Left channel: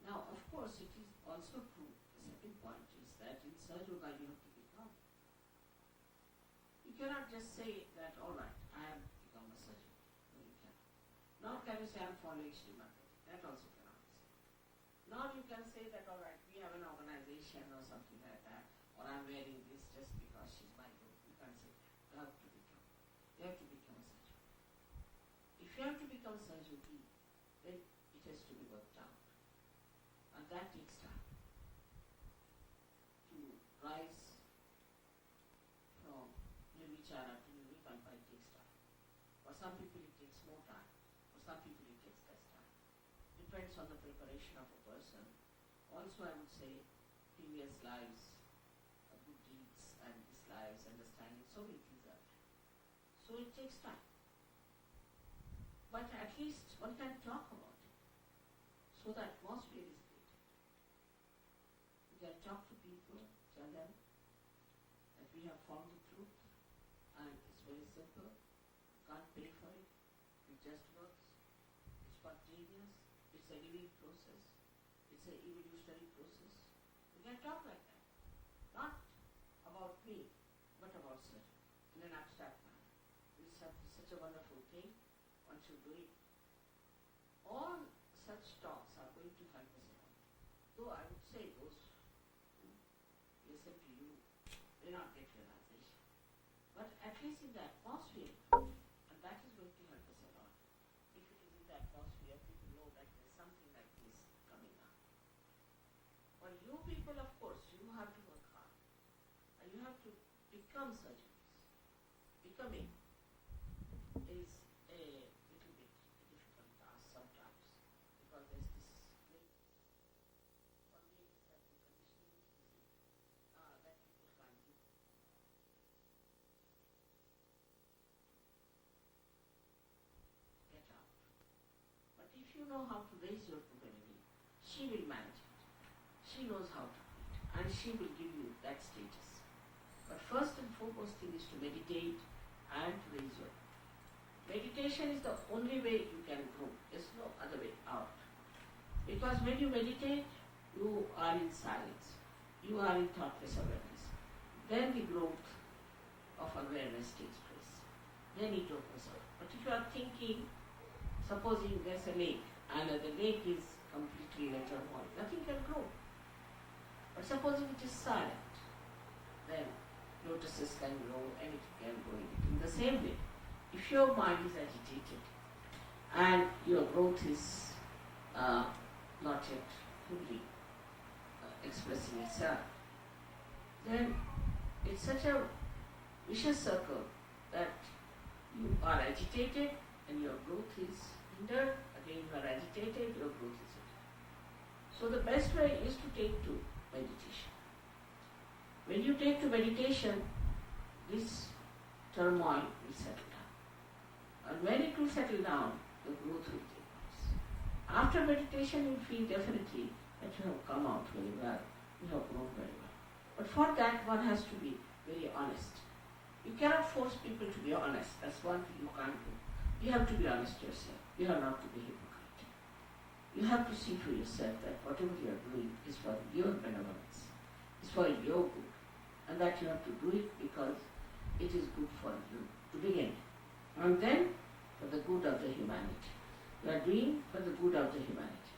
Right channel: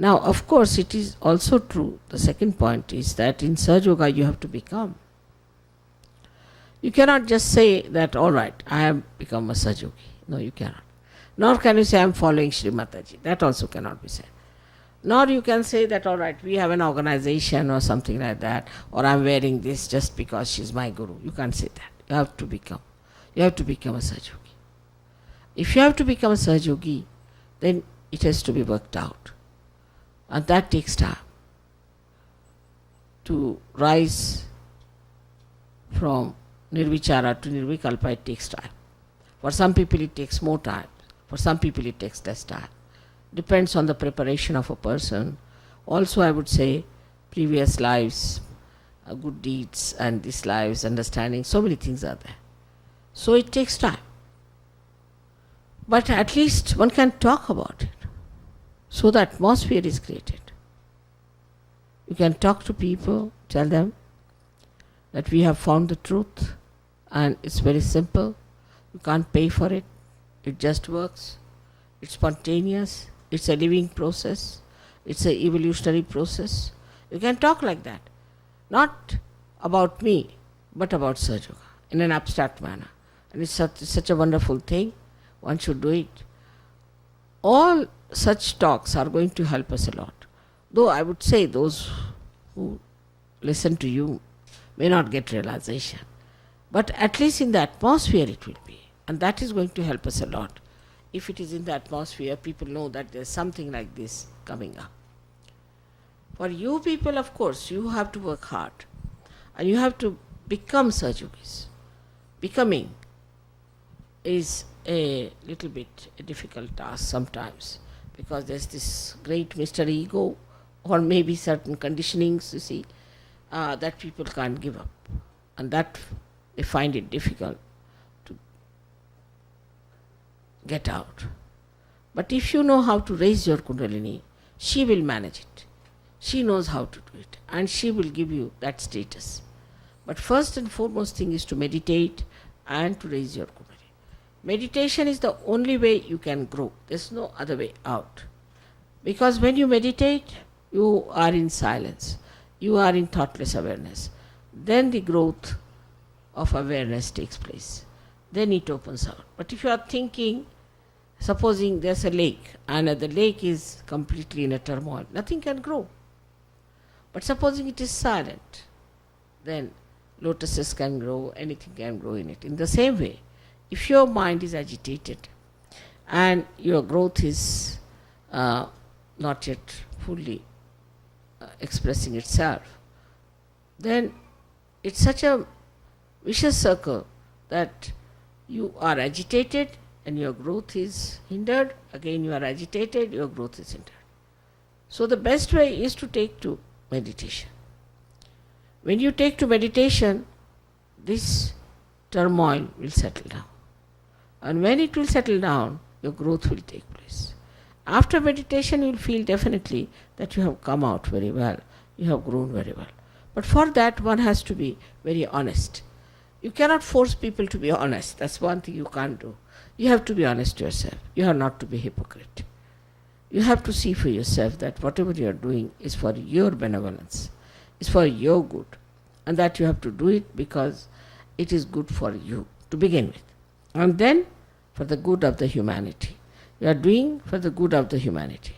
Now, of course, it is also true, the second point is that in Sahaja Yoga you have to become. You cannot just say that, all right, I have become a Sahaja Yogi. No, you cannot. Nor can you say, I am following Sri Mataji. That also cannot be said. Nor you can say that, all right, we have an organization or something like that, or I'm wearing this just because she's my guru. You can't say that. You have to become. You have to become a Sahaja Yogi. If you have to become a Sahaja Yogi, then it has to be worked out. And that takes time. To rise from Nirvichara to Nirvikalpa, it takes time. For some people it takes more time. For some people it takes less time. Depends on the preparation of a person. Also, I would say previous lives, good deeds, and these lives, understanding, so many things are there. So it takes time. But at least one can talk about it. So the atmosphere is created. You can talk to people, tell them that we have found the truth and it's very simple. You can't pay for it. It just works. It's spontaneous. It's a living process. It's an evolutionary process. You can talk like that. Not about me, but about Sahaja Yoga in an abstract manner. And it's such a wonderful thing. One should do it. All such talks are going to help us a lot. Though I would say those who listen to you may not get realization. But at least in the atmosphere it will be. And that is going to help us a lot. If it is in the atmosphere, people know that there's something like this coming up. For you people, of course, you have to work hard. And you have to become Sahaja Yogis. Becoming is a little bit a difficult task sometimes, because there's this great Mr. Ego, or maybe certain conditionings, you see, that people can't give up. And that they find it difficult to get out. But if you know how to raise your Kundalini, she will manage it. She knows how to do it, and she will give you that status. But first and foremost thing is to meditate and to raise your Kundalini. Meditation is the only way you can grow. There's no other way out. Because when you meditate, you are in silence. You are in thoughtless awareness. Then the growth of awareness takes place. Then it opens out. But if you are thinking, supposing there's a lake and the lake is completely in a turmoil, nothing can grow. But supposing it is silent, then lotuses can grow, anything can grow in it. In the same way, if your mind is agitated and your growth is not yet fully expressing itself, then it's such a vicious circle that you are agitated and your growth is hindered. Again you are agitated, your growth is hindered. So the best way is to take to meditation. When you take to meditation, this turmoil will settle down. And when it will settle down, your growth will take place. After meditation, you will feel definitely that you have come out very well, you have grown very well. But for that, one has to be very honest. You cannot force people to be honest. That's one thing you can't do. You have to be honest to yourself. You are not to be hypocrite. You have to see for yourself that whatever you are doing is for your benevolence, is for your good, and that you have to do it because it is good for you to begin with. And then for the good of the humanity. You are doing for the good of the humanity.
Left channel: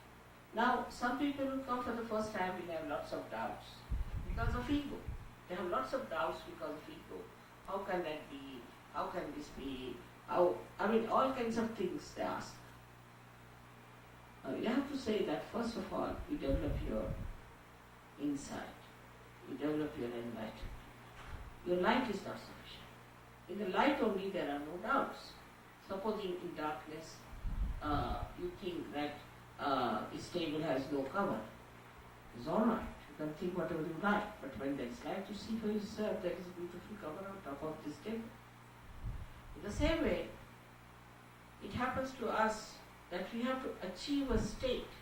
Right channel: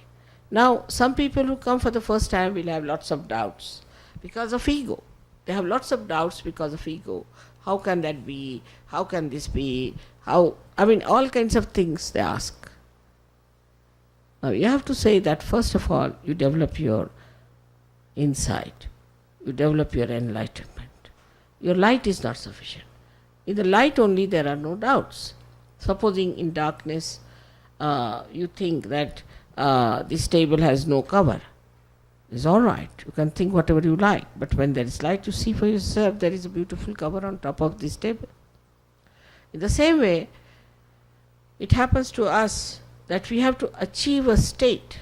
Now, some people who come for the first time will have lots of doubts because of ego. They have lots of doubts because of ego. How can that be? How can this be? All kinds of things they ask. Now, you have to say that first of all, you develop your insight. You develop your enlightenment. Your light is not sufficient. In the light only there are no doubts. Supposing in darkness you think that this table has no cover. It's all right. You can think whatever you like. But when there is light, you see for yourself there is a beautiful cover on top of this table. In the same way, it happens to us that we have to achieve a state.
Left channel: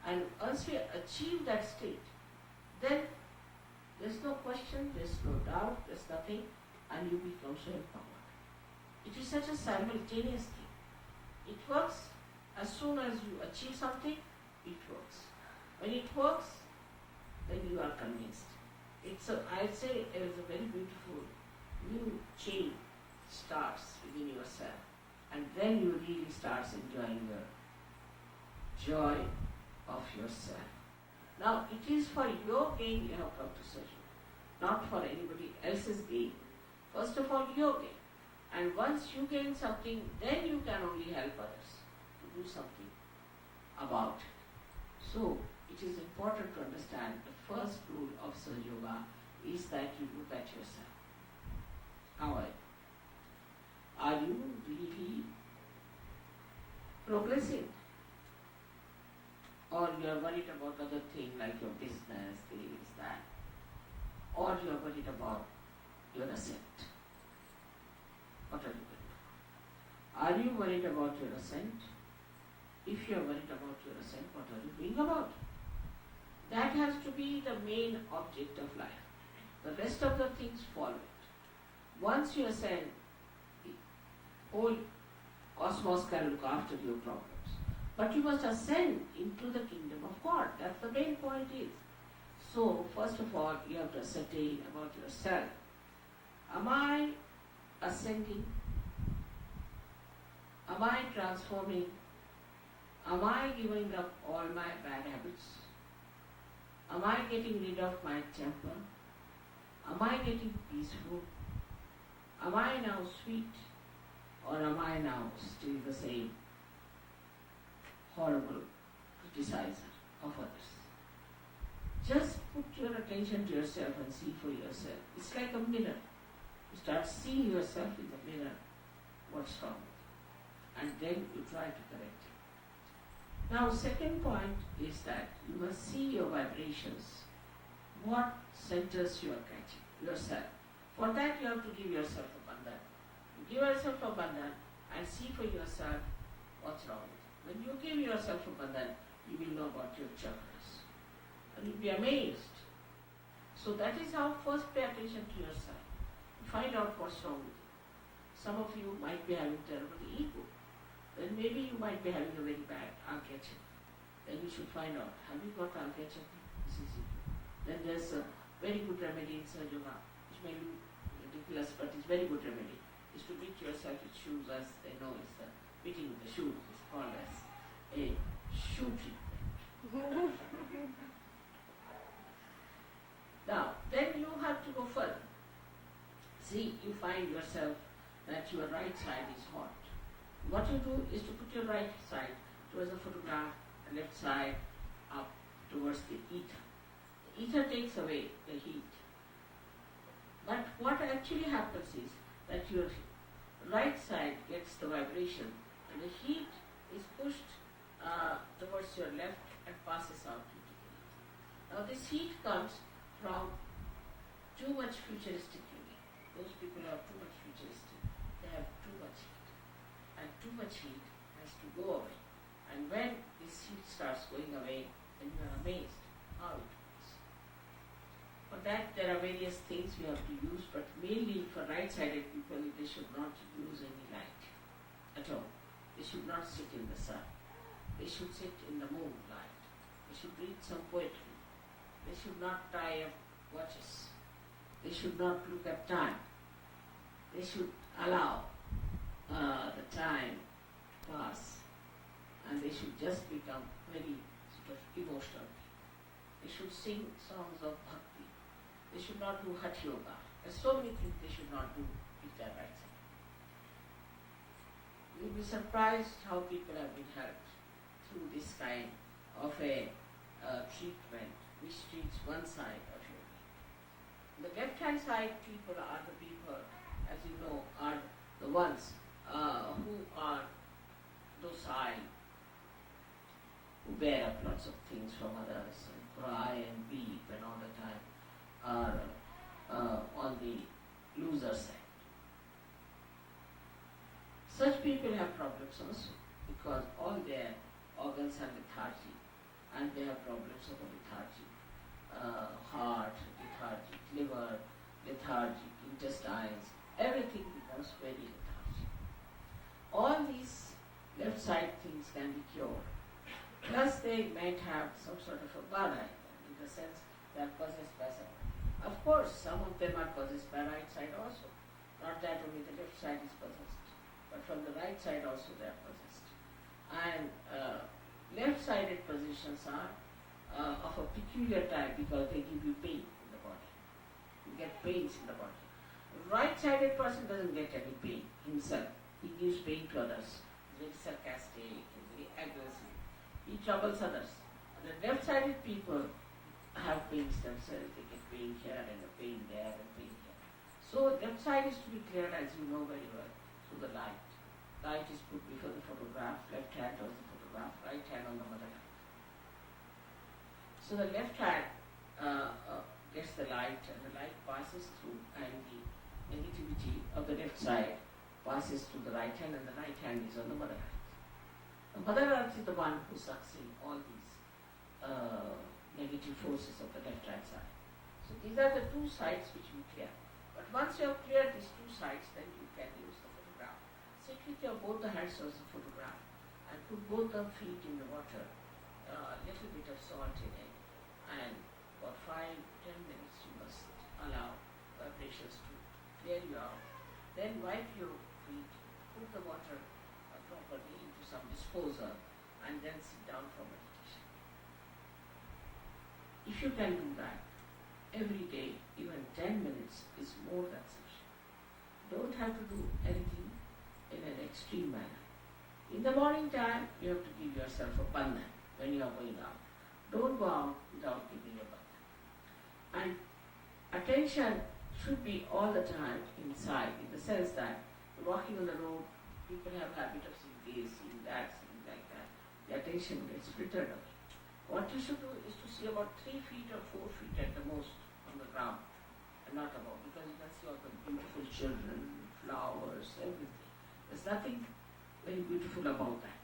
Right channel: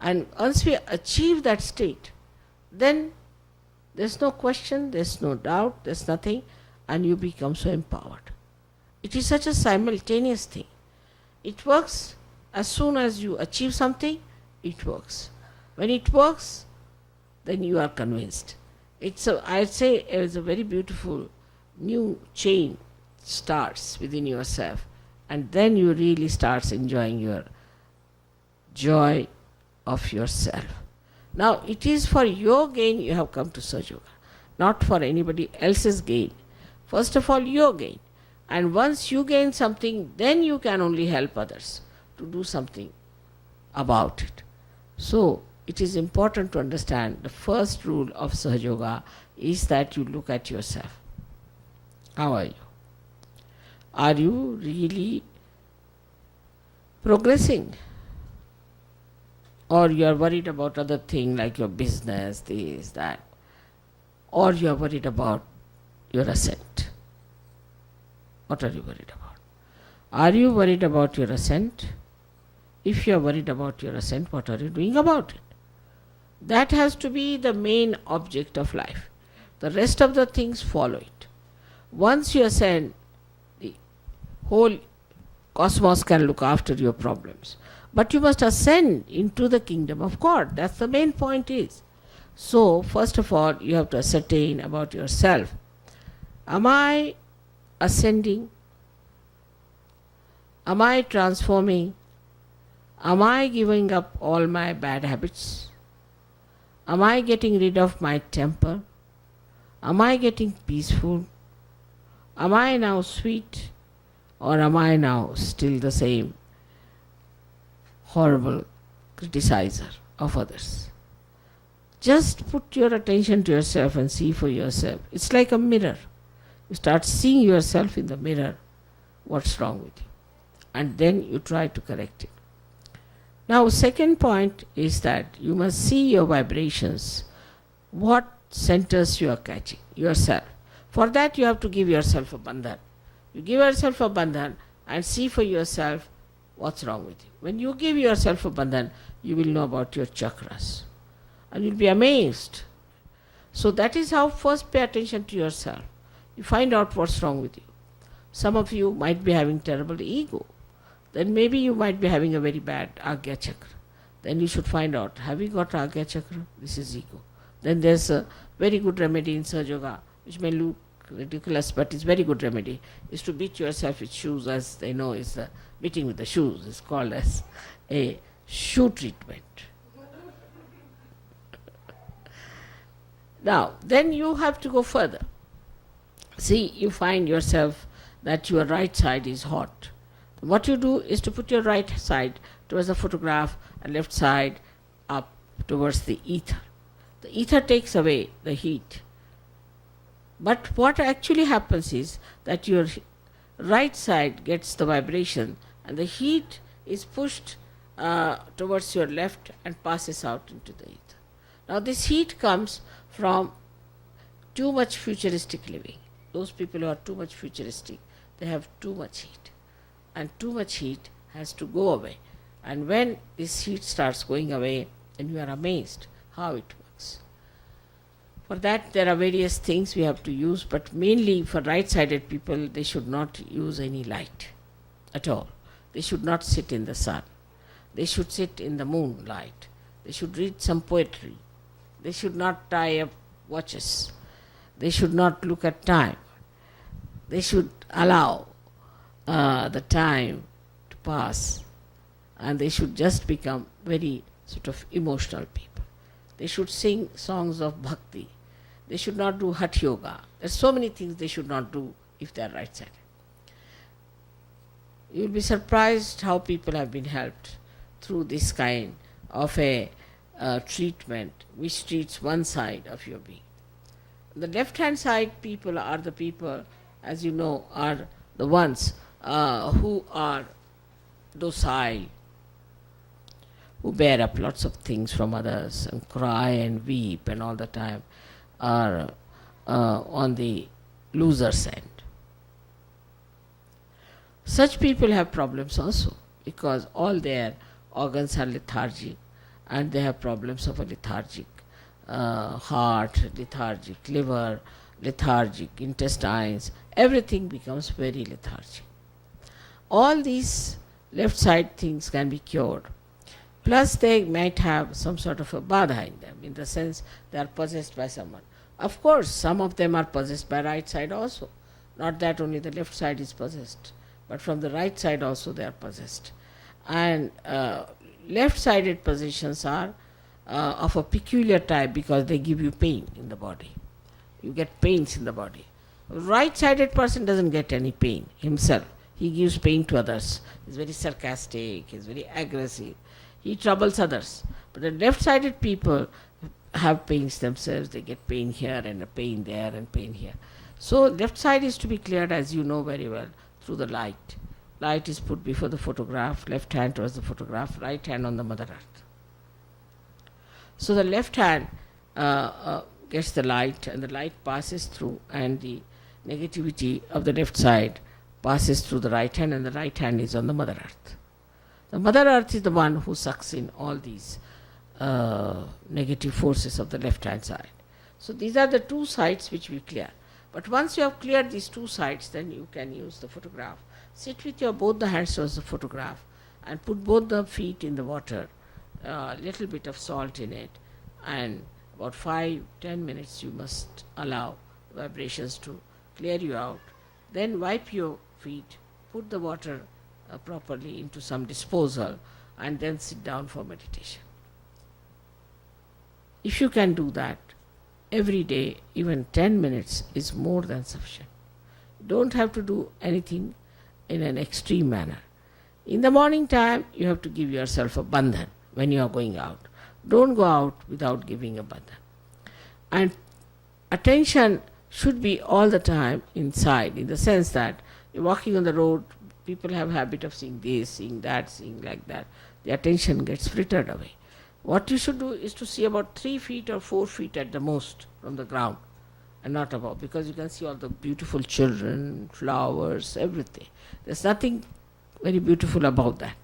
And once we achieve that state, then there's no question, there's no doubt, there's nothing, and you become so empowered. It is such a simultaneous thing. It works as soon as you achieve something, it works. When it works, then you are convinced. I'd say it's a very beautiful new chain starts within yourself, and then you really starts enjoying your joy of yourself. Now, it is for your gain you have come to Sahaja Yoga, not for anybody else's gain. First of all, your gain. And once you gain something, then you can only help others to do something about it. So, it is important to understand the first rule of Sahaja Yoga is that you look at yourself. How are you? Are you really progressing? Or you are worried about other things like your business, this, that. Or you are worried about your ascent. What are you worried about? Are you worried about your ascent? If you are worried about your ascent, what are you doing about it? That has to be the main object of life. The rest of the things follow it. Once you ascend, the whole cosmos can look after your problems. But you must ascend into the kingdom of God. That's the main point is. So, first of all, you have to ascertain about yourself. Am I ascending? Am I transforming? Am I giving up all my bad habits? Am I getting rid of my temper? Am I getting peaceful? Am I now sweet? Or am I now still the same horrible criticizer of others? Just put your attention to yourself and see for yourself. It's like a mirror. You start seeing yourself in the mirror, what's wrong with you. And then you try to correct it. Now, second point is that you must see your vibrations, what centers you are catching, yourself. For that you have to give yourself a bandhan. You give yourself a bandhan and see for yourself what's wrong with you. When you give yourself a bandhan, you will know about your chakras. And you'll be amazed. So that is how first pay attention to yourself. You find out what's wrong with you. Some of you might be having terrible ego. Then maybe you might be having a very bad Agya Chakra. Then you should find out, have you got Agya Chakra? This is ego. Then there's a very good remedy in Sahaja Yoga, which may look ridiculous, but it's very good remedy, is to beat yourself with shoes, as they know is the beating with the shoes. It's called as a shoe treatment. Now, then you have to go further. See, you find yourself that your right side is hot. What you do is to put your right side towards the photograph and left side up towards the ether. The ether takes away the heat. But what actually happens is that your right side gets the vibration and the heat is pushed towards your left and passes out into the ether. Now this heat comes from too much futuristic living. Those people who are too much futuristic, they have too much heat. And too much heat has to go away. And when this heat starts going away, then you are amazed how it works. For that there are various things we have to use, but mainly for right-sided people, they should not use any light at all. They should not sit in the sun. They should sit in the moonlight. They should read some poetry. They should not tie up watches. They should not look at time. They should allow the time to pass, and they should just become very sort of emotional people. They should sing songs of bhakti. They should not do Hatha Yoga. There's so many things they should not do if they are right-sided. You'll be surprised how people have been helped through this kind of a treatment which treats one side of your being. The left-hand side people are the people, as you know, are the ones who are docile, who bear up lots of things from others and cry and weep and all the time, are on the loser's end. Such people have problems also because all their organs are lethargic and they have problems of a lethargic heart, lethargic liver, lethargic intestines. Everything becomes very lethargic. All these left side things can be cured Plus, they might have some sort of a badha in them, in the sense they are possessed by someone. Of course, some of them are possessed by right side also. Not that only the left side is possessed, but from the right side also they are possessed. And left-sided possessions are of a peculiar type because they give you pain in the body. You get pains in the body. Right-sided person doesn't get any pain himself. He gives pain to others. He's very sarcastic, he's very aggressive. He troubles others. But the left-sided people have pains themselves. They get pain here and a pain there and pain here. So left side is to be cleared, as you know very well, through the light. Light is put before the photograph, left hand towards the photograph, right hand on the Mother Earth. So the left hand gets the light, and the light passes through, and the negativity of the left side passes through the right hand, and the right hand is on the Mother Earth. The Mother Earth is the one who sucks in all these negative forces of the left hand side. So these are the two sides which we clear. But once you have cleared these two sides, then you can use the photograph. Sit with your both the hands towards the photograph and put both the feet in the water, a little bit of salt in it, and about 5-10 minutes you must allow vibrations to clear you out. Then wipe your feet, put the water properly into some disposal, and then sit down for meditation. If you can do that every day, even 10 minutes is more than sufficient. You don't have to do anything in an extreme manner. In the morning time, you have to give yourself a bandhan when you are going out. Don't go out without giving a bandhan. And attention should be all the time inside, in the sense that you're walking on the road, people have habit of seeing this, seeing that, seeing like that. The attention gets frittered away. What you should do is to see about 3 feet or 4 feet at the most from the ground, and not above, because you can see all the beautiful children, flowers, everything. There's nothing very beautiful about that.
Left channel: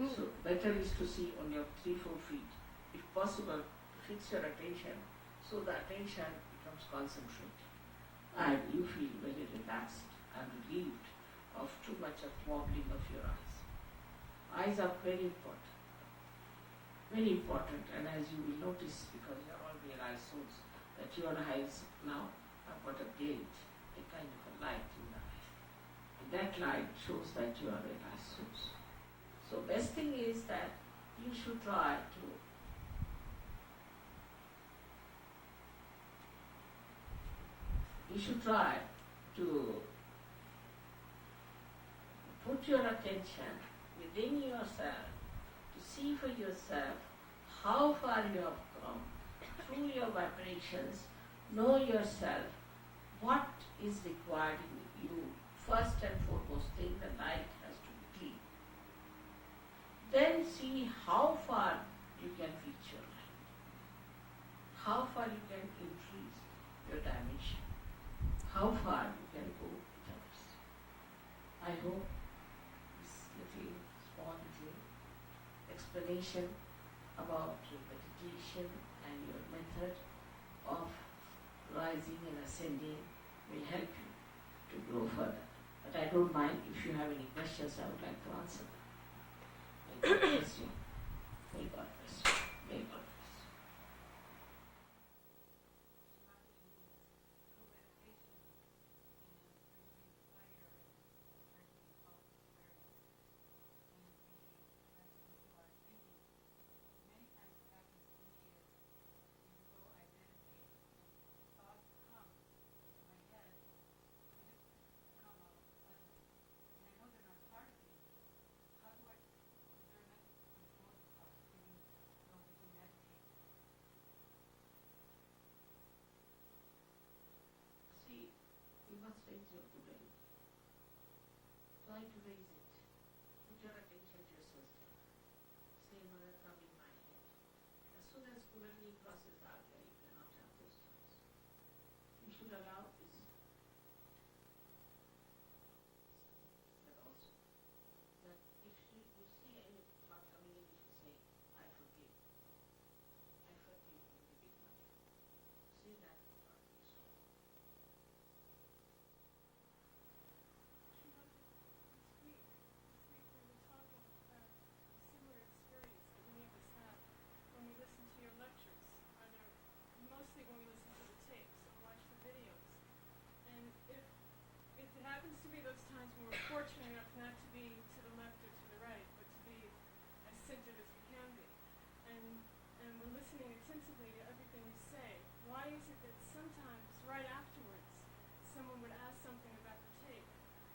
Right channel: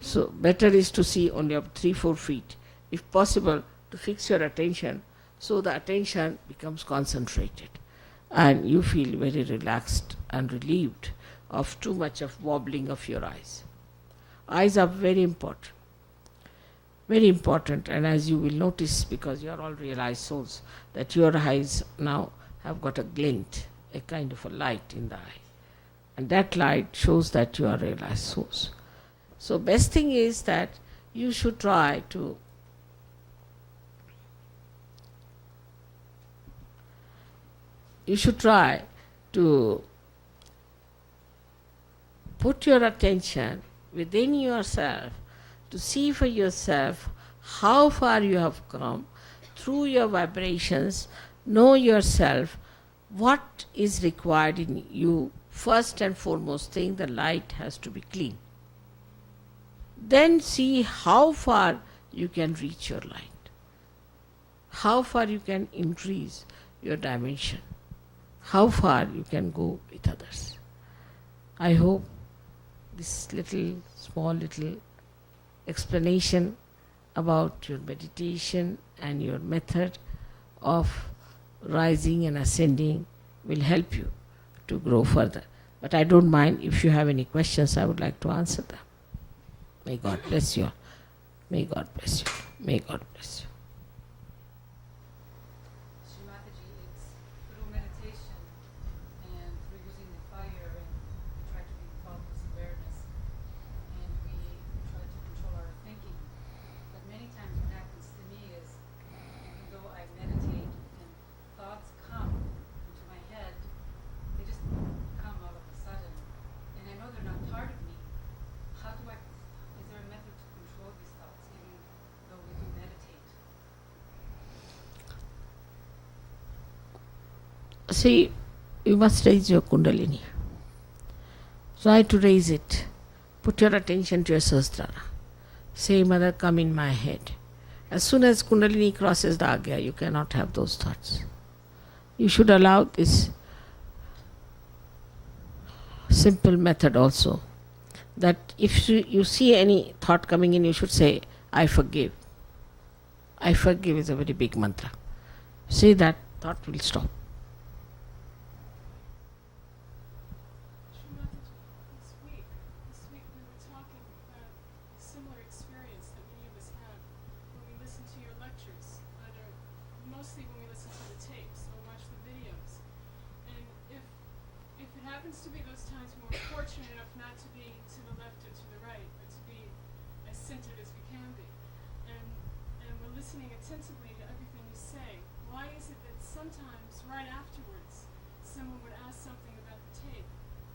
So better is to see only up 3-4 feet. If possible, to fix your attention, so the attention becomes concentrated and you feel very relaxed and relieved of too much of wobbling of your eyes. Eyes are very important. Very important, and as you will notice, because you are all realized souls, that your eyes now have got a glint, a kind of a light in the eye. And that light shows that you are realized souls. So best thing is that you should try to put your attention within yourself to see for yourself how far you have come through your vibrations. Know yourself, what is required in you. First and foremost thing, the light has to be clean. Then see how far you can reach your light, how far you can increase your dimension, how far you can go with others. I hope this small little explanation about your meditation and your method of rising and ascending will help you to grow further. But I don't mind if you have any questions, I would like to answer them. May God bless you. May God bless you. May God bless you. Mataji, it's through meditation and through using the fire, and we try to bring thoughtless awareness, and we try to control our thinking. But many times what happens to me is, even though I meditate and thoughts come into my head, they just come all of a sudden, and I know they're not part of me. Is there a method to control these thoughts, even though we do meditate? See, you must raise your Kundalini. Try to raise it. Put your attention to your Sahasrara. Say, Mother, come in my head. As soon as Kundalini crosses the Agya, you cannot have those thoughts. You should allow this simple method also, that if you see any thought coming in, you should say, I forgive. I forgive is a very big mantra. Say that, thought will stop. This week we were talking about a similar experience that we sometimes right afterwards, someone would ask something about the tape,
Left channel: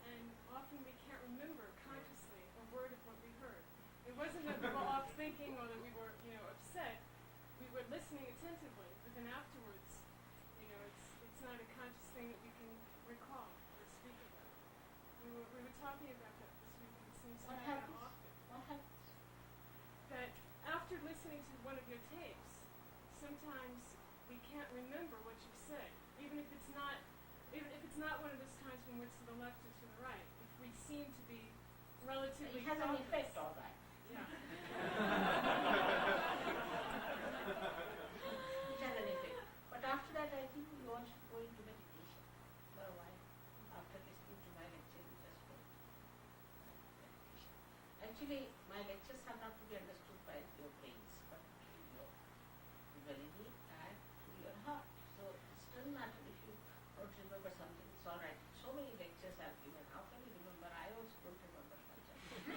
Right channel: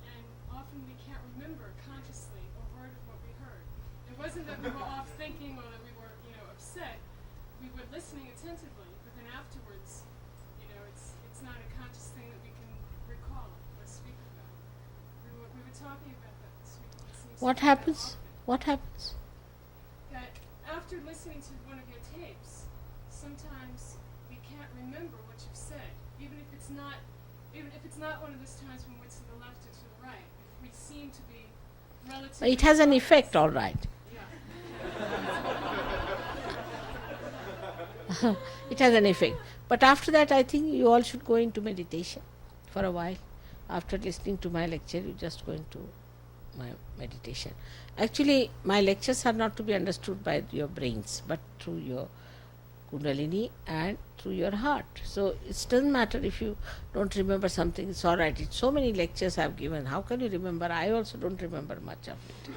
and often we can't remember consciously a word of what we heard. It wasn't that we were off thinking or that we were, upset. We were listening attentively, but then afterwards, it's not a conscious thing that we can recall or speak about. We were talking about that this week. It seems What to happen happens? often. What happens? That after listening to one of your tapes, sometimes we can't remember what you've said, even if it's not one of those times when we're to the left or to the right. If we seem to be relatively It has an focused. effect, all right. Yeah. It has an effect. But after that, I think you all should go into meditation for a while. After listening to my lecture, you just go into my meditation. Actually, my lectures are not to be understood by your brains, but through your Kundalini and through your heart. So it doesn't matter if you don't remember something, it's all right. It's so many lectures I've given. How can you remember? I also don't remember much of it.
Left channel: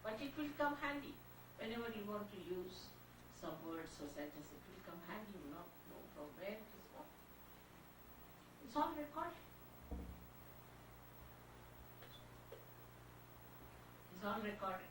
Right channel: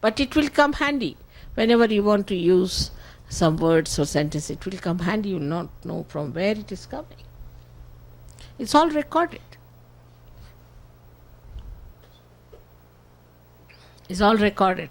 But it will come handy. Whenever you want to use some words or sentence, it will come handy. You will not know from where it is coming. It's all recorded. It's all recorded.